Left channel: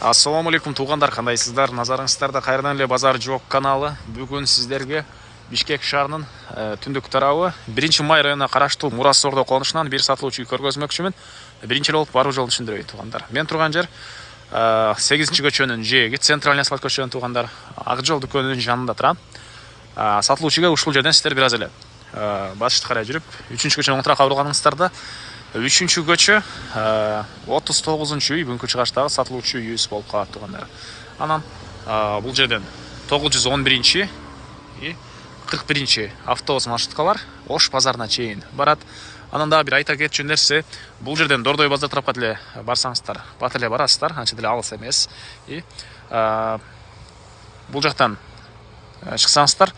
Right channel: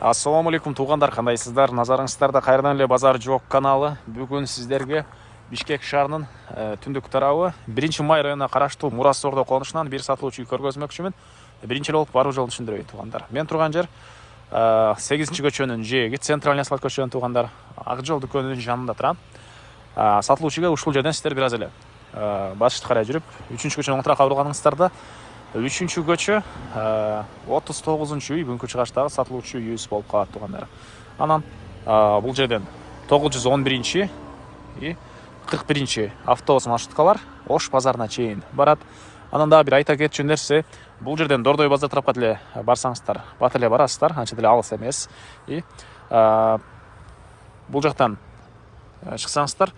Ассаламу алейкум туугандар, кандайсыздар? Назарыңыздарда кайрадан эле Базар Жок каналы. Бүгүн сиздерге Бишкек шаарынын түндүк тарабы 1-май районуна караштуу Мурас Ордо конушунан бир сатылуучу үй көргөзмөкчүмүн. Биринчи эле болуп баруу жолун түшүндүрөйүн туугандар. Мен турган жер 8-көчөнүн жээги, центральный асфальт көчөнүн туугандар. Ак жол дүкөнүнүн жанында турам. Сатылуучуга ушул жерден сиздер бир аз эле батышты карай жүрүп, 3-көчөнүн оң тарапка бурулганыңыздарда 3-көчө 39-үй бүгүнкү чыгаштагы сатылуучу үйүбүз болуп калат туугандар. Анан бул жерден 911 и 41 автобус маршруткалар Ош базарына чейин барат. Анан дагы бир айта кетчү нерсе, бул жерден Дордой базар тарапка деле барсаңыздар, бат эле барасыздар, анча деле алыс эмес. И бул жактан чыксаңыздар,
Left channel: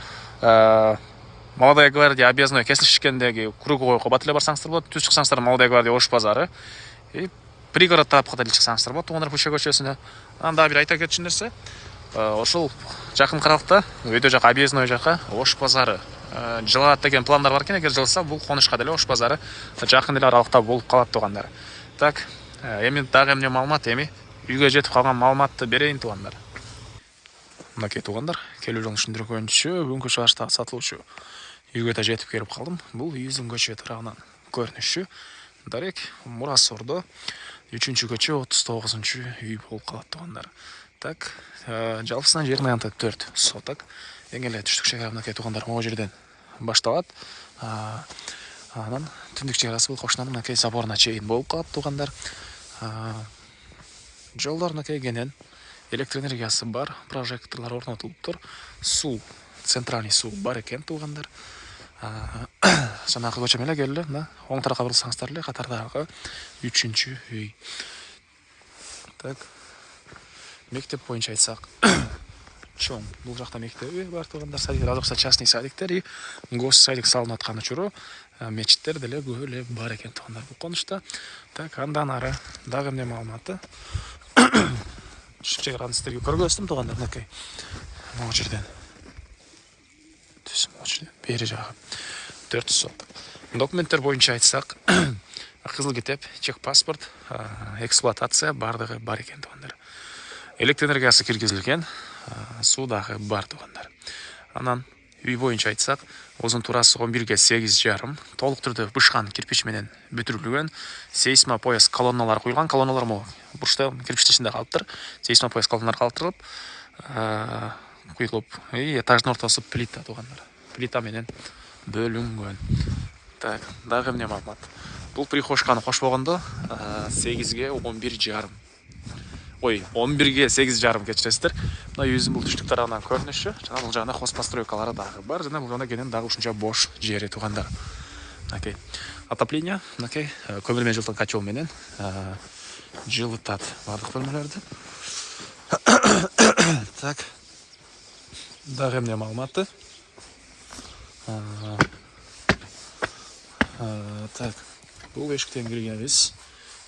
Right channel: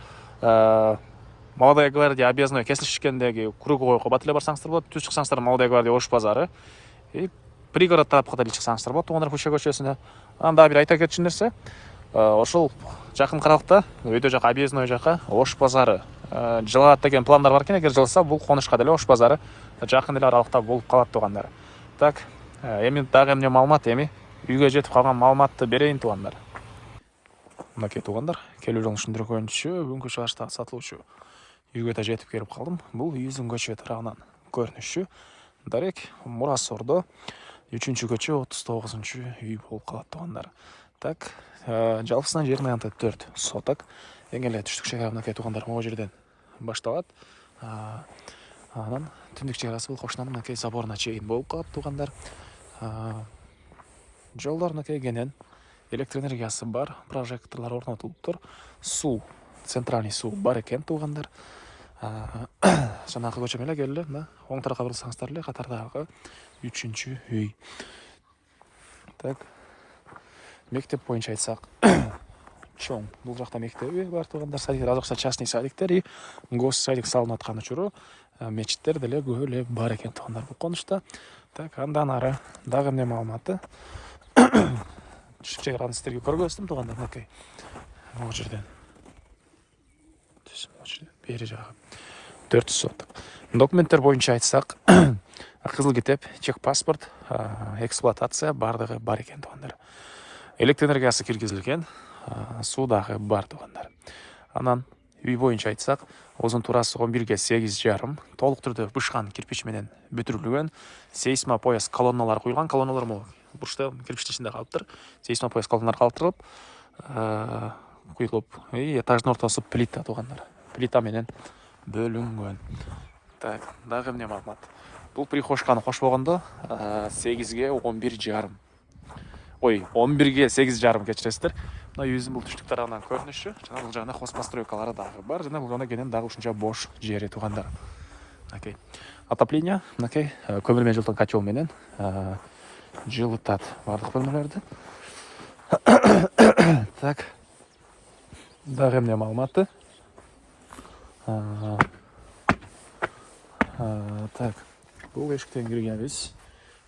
Молодая гвардия объездной кесилишкендеги круговойго бат эле барсаңыздар болот. Түз чыксаңыздар Молодая гвардия Ош базары. И пригород тарапка деле чыксаңыздар болот. Туугандар Пуща көчөсүнө. Анан дагы бир айта кетчү нерсе, ошол жакын каралыкта, өйдө жака объездной жака Ош базары жылат деген пландар бар экен. Эгер жылса, бул конушка деле Ош базары жакын эле аралыкта болуп калат туугандар. Так, эми дагы эмне маалымат, үйгө жетип калган маалыматты берейин туугандар. Мынакей туугандар, келүү жолун түшүндүргөнчү, бүгүнкү чыгаштагы сатылуучу үйгө да жетип келип калдым. Бул үйүбүздүн көчө тарабынан көрүнүшү дарек Мурас Ордо 3-көчө 39-үй болуп калат туугандар. Так, жалпысынан жерин аянтып 4 соток. Эң эле түштүк чегара мынакей туугандар могу жерден башталат. Анан түндүк чегарасы бул кошунанын мынакей заборуна чейин болуп калат туугандар. Жолдор мынакей кенен, электр энергиясы бар, прожекторлор орнотулуптур. Суу, центральный суу бар экен туугандар. Жанагы көчө менен келе, мына оң тарапка бурулсаңыздар эле катардагы 3-үй. Так. Мектеп боюнча айтсак, чоң. Бул жакта мектеби бар туугандар, садиктер, азыркы частный садиктер и гос садик салынып аткан учуру мечиттер деле көп эле бар экен туугандар бул конушта. Так, андан ары дагы эмне маалыматы? Чегараны сиздерге көргөздүм туугандар, мынакей. Могу жерден. Бери жагы 4 сот. Документтер боюнча айтсак, кызыл китеп, чек паспорт, эксплуатация бардыгы бар экен туугандар. Электр энергиясы киргизилген, суу дагы бар туугандар. Анан үй боюнча айтсак, узун турасы 11-ге 8,5, толук түрдө бышкан кирпич менен бүтүрүлгөн, сейсмопояс колонналар куйулган. Колонналар могу бурчта кирпичтин ичинде калыптыр. Сейсмопояс колонналар калтырылып, куюлуп, этаждын ортосу плита туугандар. Плита менен бөлүнгөн. Так, дагы эмне маалымат? Бул прихожканы кошпогондо 8-ге 11,5. 11-ге 8,5 кечиресиздер. Мына үйүбүздүн бул түштүк тарабынан көрүнүшү, жана бул жагында хозпостройкалары дагы бар, жана бул жагында кенен дагы ушунча бош жери туугандар. Мынакей отопление, мынакей көмүр менен жылытылган котел менен жылытат бардык бөлмөлөрдү. Так. Дагы эмне маалыматы? Так, бул эшиктен киргенбиз.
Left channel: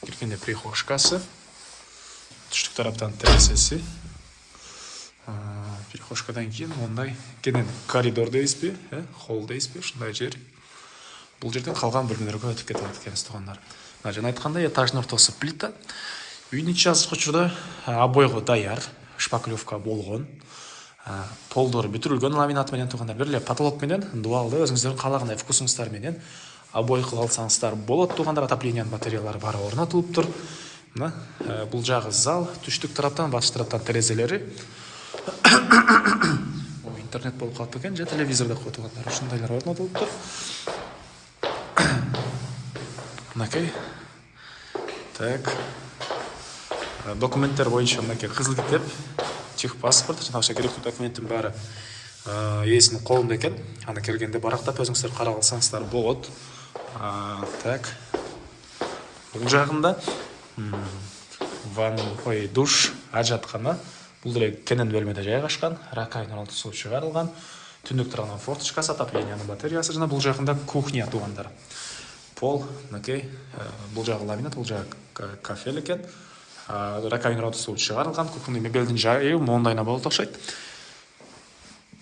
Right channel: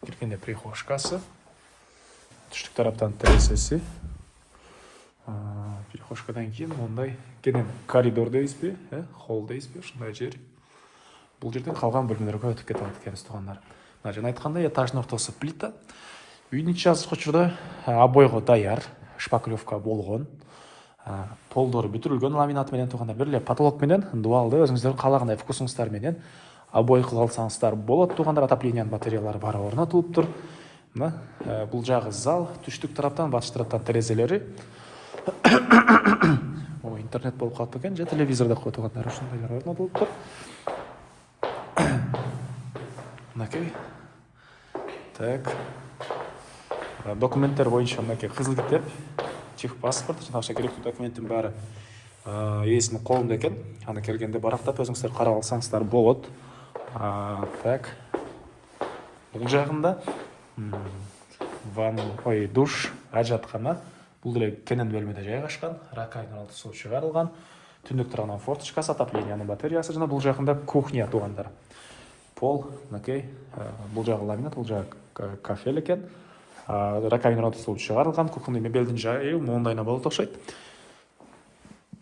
Киргенде прихожкасы, түштүк тараптан терезеси. Прихожкадан кийин мондай кенен коридор дейсизби, холл дейсизби, ушундай жер. Бул жерден калган бөлмөлөргө өтүп кете алат экенбиз туугандар. Жана айткандай, этаждын ортосу плита. Үйдүн ичи азыркы учурда обойго даяр, шпаклевка болгон. Полдору бүтүрүлгөн ламинат менен туугандар. Бир эле потолок менен дуалды өзүңүздөрдүн каалагандай вкусуңуздар менен обой кылып алсаңыздар болот туугандар. Отоплениянын батареялары бары орнотулуптур. Мына бул жагы зал, түштүк тараптан, батыш тараптан терезелери. Интернет болуп калат экен, же телевизордо кой туугандар. Ушундайлар орнотулуптур. Мынакей. Так. Документтер боюнча мынакей кызыл китеп, чек паспорт, жана ошо керектүү документтин баары ээсинин колунда экен. Аны келгенде барактап өзүңүздөр карап алсаңыздар болот. Так. Бул жагында душ, ажаткана. Бул деле кенен бөлмөдө жайгашкан. Ракайын орнотуу чыгарылган. Түндүк тарабынан форточкасы, отоплениянын батареясы, жана бул жагында кухня туугандар. Пол, мынакей, бул жагы ламинат, бул жагы кафель экен. Ракайын орнотуу чыгарылган. Кухня мебелдин жайы моундайына болот окшойт.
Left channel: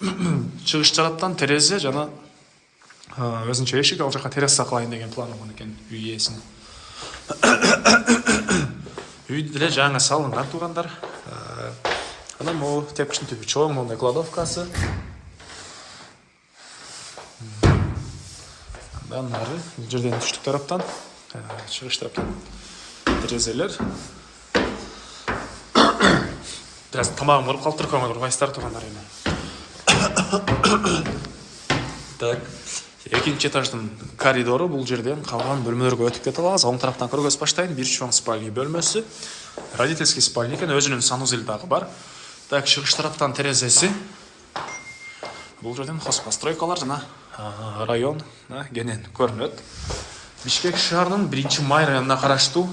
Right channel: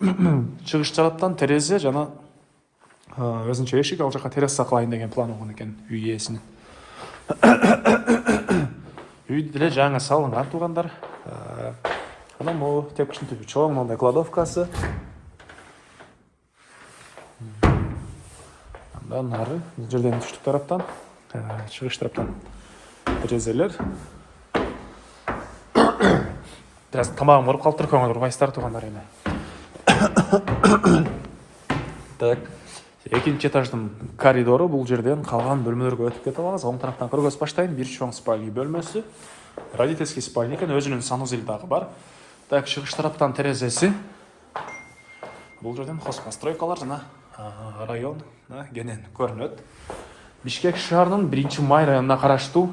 Чыгыш тараптан терезе жана өзүнчө эшик, ал жака терраса кылайын деген план болгон экен үй ээсинин. Үй деле жаңы салынган туугандар. анан могу тепкичтин түбү чоң мондай кладовкасы. Андан ары бул жерден түштүк тараптан, чыгыш тараптан терезелер. Biraz tamamım vurup kaltır koymadı. Urbayıslar tuğanlar yine. Так, экинчи этаждын коридору бул жерден калган бөлмөлөргө өтүп кете алабыз. Оң тараптан көргөз баштайын. Бир чоң спальня бөлмөсү. Родительский спальня экен, өзүнүн санузели дагы бар. Так, чыгыш тараптан терезеси. Бул жерден хозпостройкалар жана район кенен көрүнөт. Бишкек шаарынын 1-май районуна караштуу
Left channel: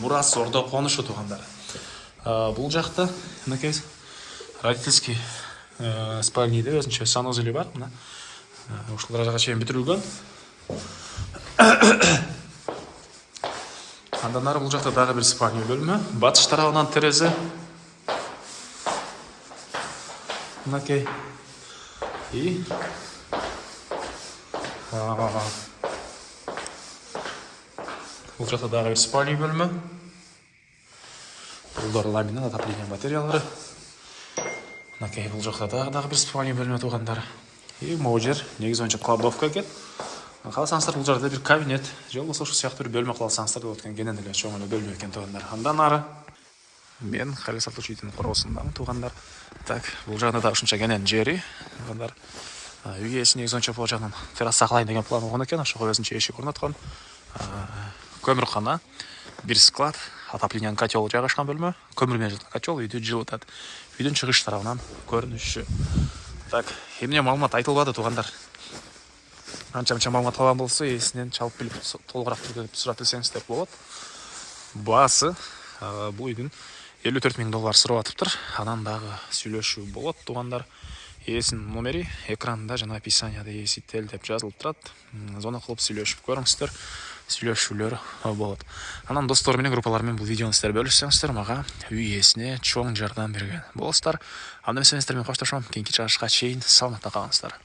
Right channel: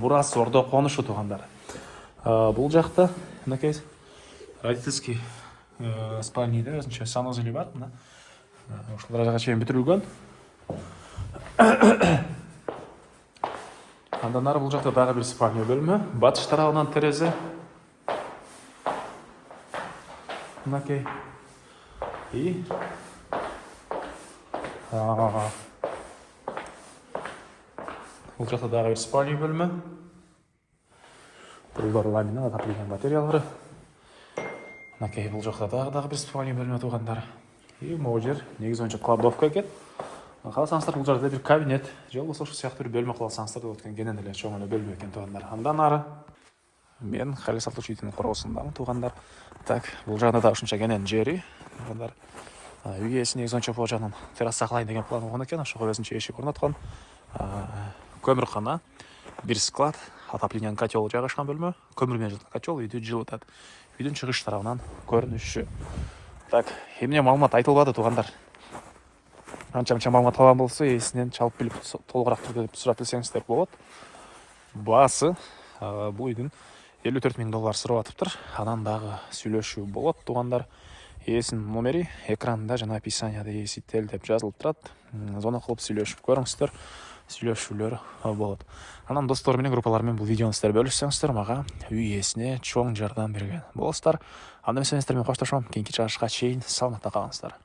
Мурас Ордо конушу туугандар. Бул жакта мынакей родительский спальниде өзүнчө санузели бар. Мына ушул даражага чейин бүтүрүлгөн. Андан ары бул жакта дагы бир спальня бөлмө. Батыш тарабынан терезе. Мынакей. И бул жакта дагы бир спальня бөлмө. Булдар ламинат отопление материалдары. Мынакей бул жакта дагы бир спальня бөлмө туугандар. И могу жер негизи боюнча кладовка экен. Кааласаңыздар бул жерде бир кабинет, же болбосо ушул сыяктуу бир бөлмө кылсаңыздар деп өткөн кенен эле чоң эле бөлмө экен туугандар. Андан ары мен колесо учителин коросундамын туугандар. Так, бул жагда да ушунча кенен жери туугандар. Үй ээси негизи боюнча бул жагдан терраса кылайын деген план болгон экен. Ошого өзүнчө эшик орноткон. Көмүркана, бир склад, отоплениянын котел жайгашкан бөлмө. Көмүр менен котел үйдү жылытат. Үйдүн чыгыш тарабынан көрүнүшү. Так, эмне маалымат айтылбады туугандар. Анча-мынча маалымат алган болсо, эсинен чалып билип толугураак түрдө сурап билсеңиздер болот. Баасы бул үйдүн $54,000 сурап атыптыр. Анан дагы сүйлөшүү болот туугандар. Ээсинин номери экранда жана описанияда ээсител деп жазылып турат. Звонок кылып сүйлөшүп көрүңүздөр. Сүйлөшүүлөр болот. Анан достор менен, группалар менен бул видеону сиздер бөлүшсөңүздөр, мага үй ээсине чоң жардам берген болосуздар. Анда эмесеңиздер мен коштошом. Кийинки чыгышка чейин саламатта калыңыздар.